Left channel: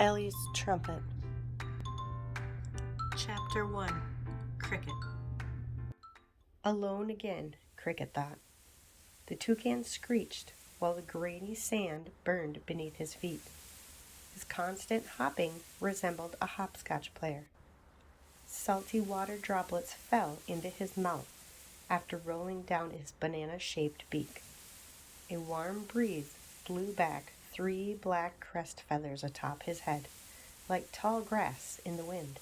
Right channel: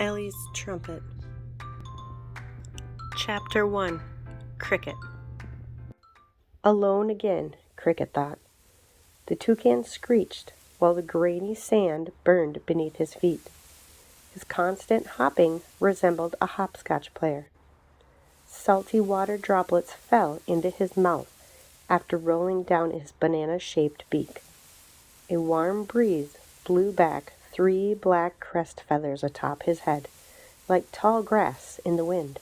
Ellie's Trumpet. Chapter 1. Cricket. Alone again, Cricket thought. The toucan screeched while the grainy sand burned beneath his feet. His constant hopping resembled a hopscotch player. Salty water droplets fell into his mouth after rolling down his banana-shaped beak. A warm breeze blew back 3 black crest feathers atop his head, like tall grass in the wind.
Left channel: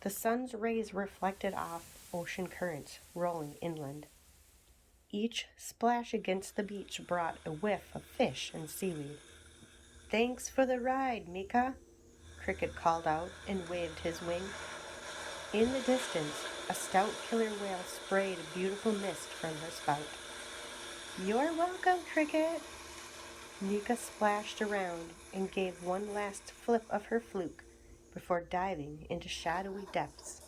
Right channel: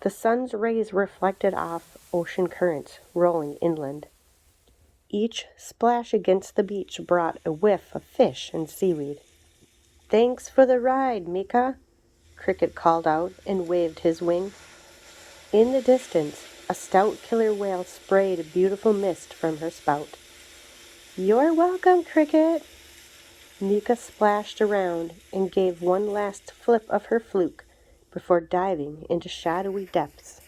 The sun's rays reflected off ocean currents rolling inland. Each splash against the beach brought a whiff of fish and seaweed. "Thanks for the ride, Mika," Cricket called out and waved his wing. In the distance, a stout killer whale sprayed a beautiful mist from her spout. "You're welcome, Cricket." Mika splashed around and gave one last flip of her fluke before diving into shadowy depths.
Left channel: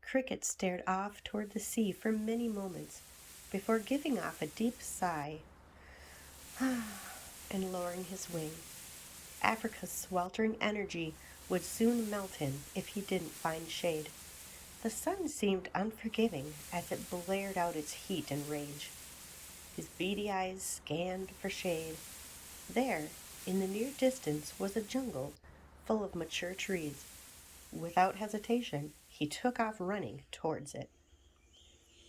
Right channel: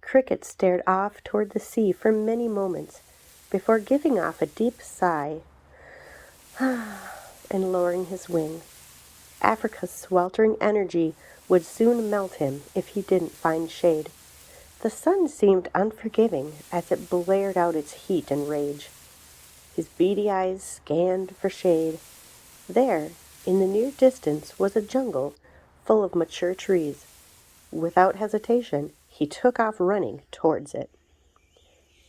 Cricket stared off toward the sea for many moments before giving off a deep sigh and lowering his wing. Africa's sweltering energy would soon melt him if he didn't find shade. The sun seemed unforgiving as it blared out its heat and rage. His beady eyes scanned for shade. There, in the near distance, was a jungle full of mature trees. Without hesitation, he took off running towards it.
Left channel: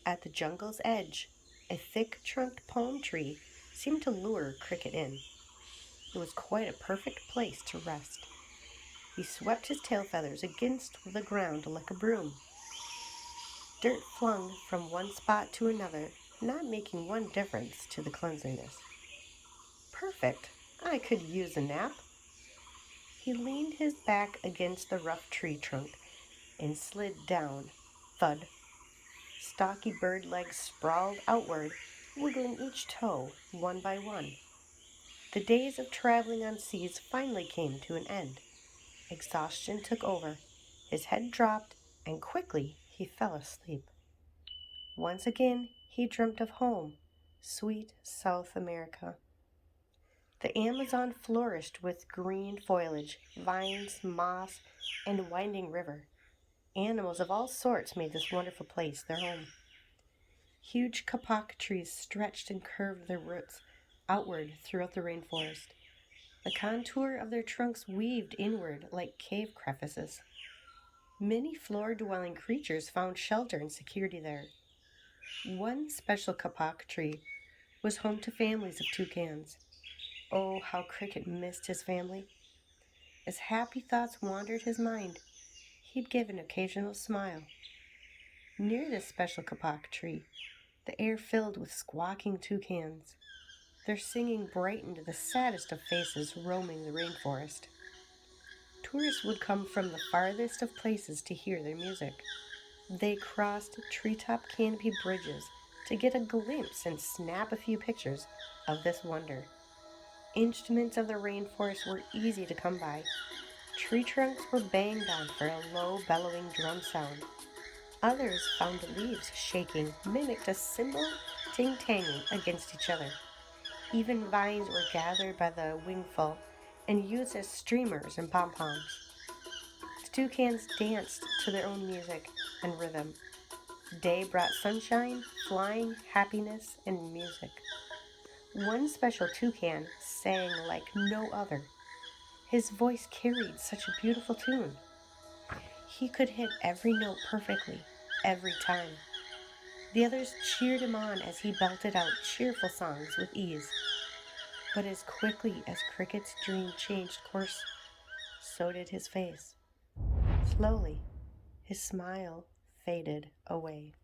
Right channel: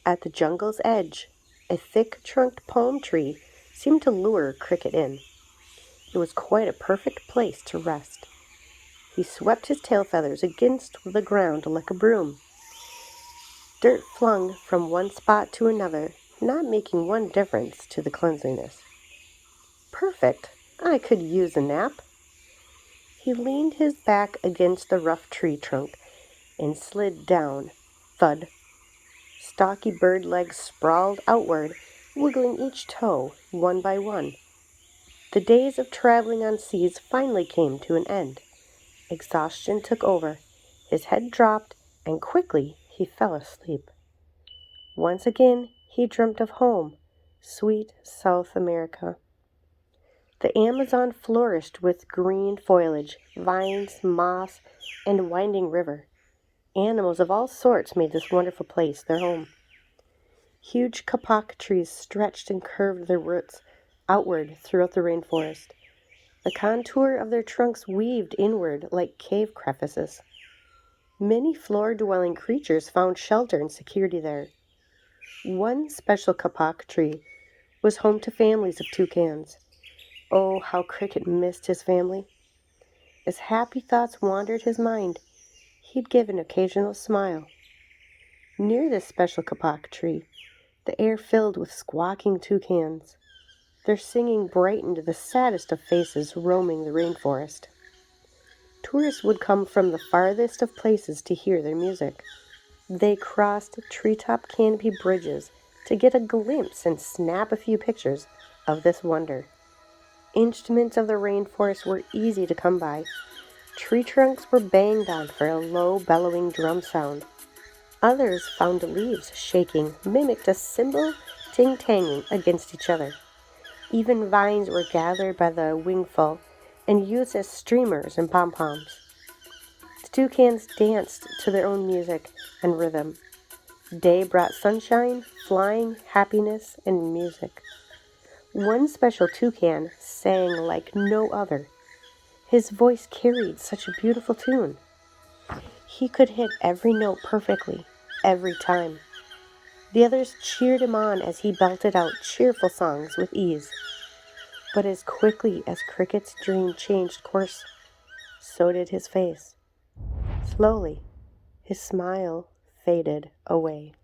At the jungle's edge, a thick-trunked palm tree seemed to lure Cricket in. It was quite a perfect place to rest. He swept his tail feathers against the ground like a broom. Dirt flung from one spot to another, not making one difference to the cleanliness. Perfect! I could use a nap. He leaned his back against the rough tree trunk and slid down. Thud. Stocky bird legs sprawled outward, wiggling each toe one by one. The days of traveling on seas finally came to an end. Exhaustion took over. His head dropped, and quickly he fell asleep. Once again he dreamt of home, sweet South America. The Amazon flourished with green foliage, vines, moss, and a winding river. Animals of all sorts made this wonderful place their home. Huge kapok trees stretched and curved their roots outward throughout the rainforest. The contour of their trunks weaved inward like cave crevices. Many floor-dwelling creatures found shelter and security there. One special kapok tree was home to families of toucans. Oh, how Cricket missed his family. As happy thoughts wandered his mind, he'd give an occasional smile. Near this special kapok tree, the air filled with squawking toucans. Their singing brightened the saddest of faces roaming the rainforest. Tourists would come from the farthest of places to hear their music. They crossed treetop canopy bridges to get a glimpse and snap a few pictures of this wonder. Instruments of the rainforest were easy to come by. Tree trunks were banged on for a low, bellowing drum sound. Others found leaves shaking mimicked a cymbal ting-tanging against each other. Even vines were gathered by the wingful and used as streamers and pom-poms. The toucans danced to their own music and rhythm. Day brought sunshine, flying, happiness, and music. One special toucan sang like no other. His voice carried such a beautiful tune. He could hit every note perfectly, every time. The others cheered him on as he belted out cheerful songs with ease. But as quickly as Cricket's dream changed course, so did his face. Slowly, his smile faded away.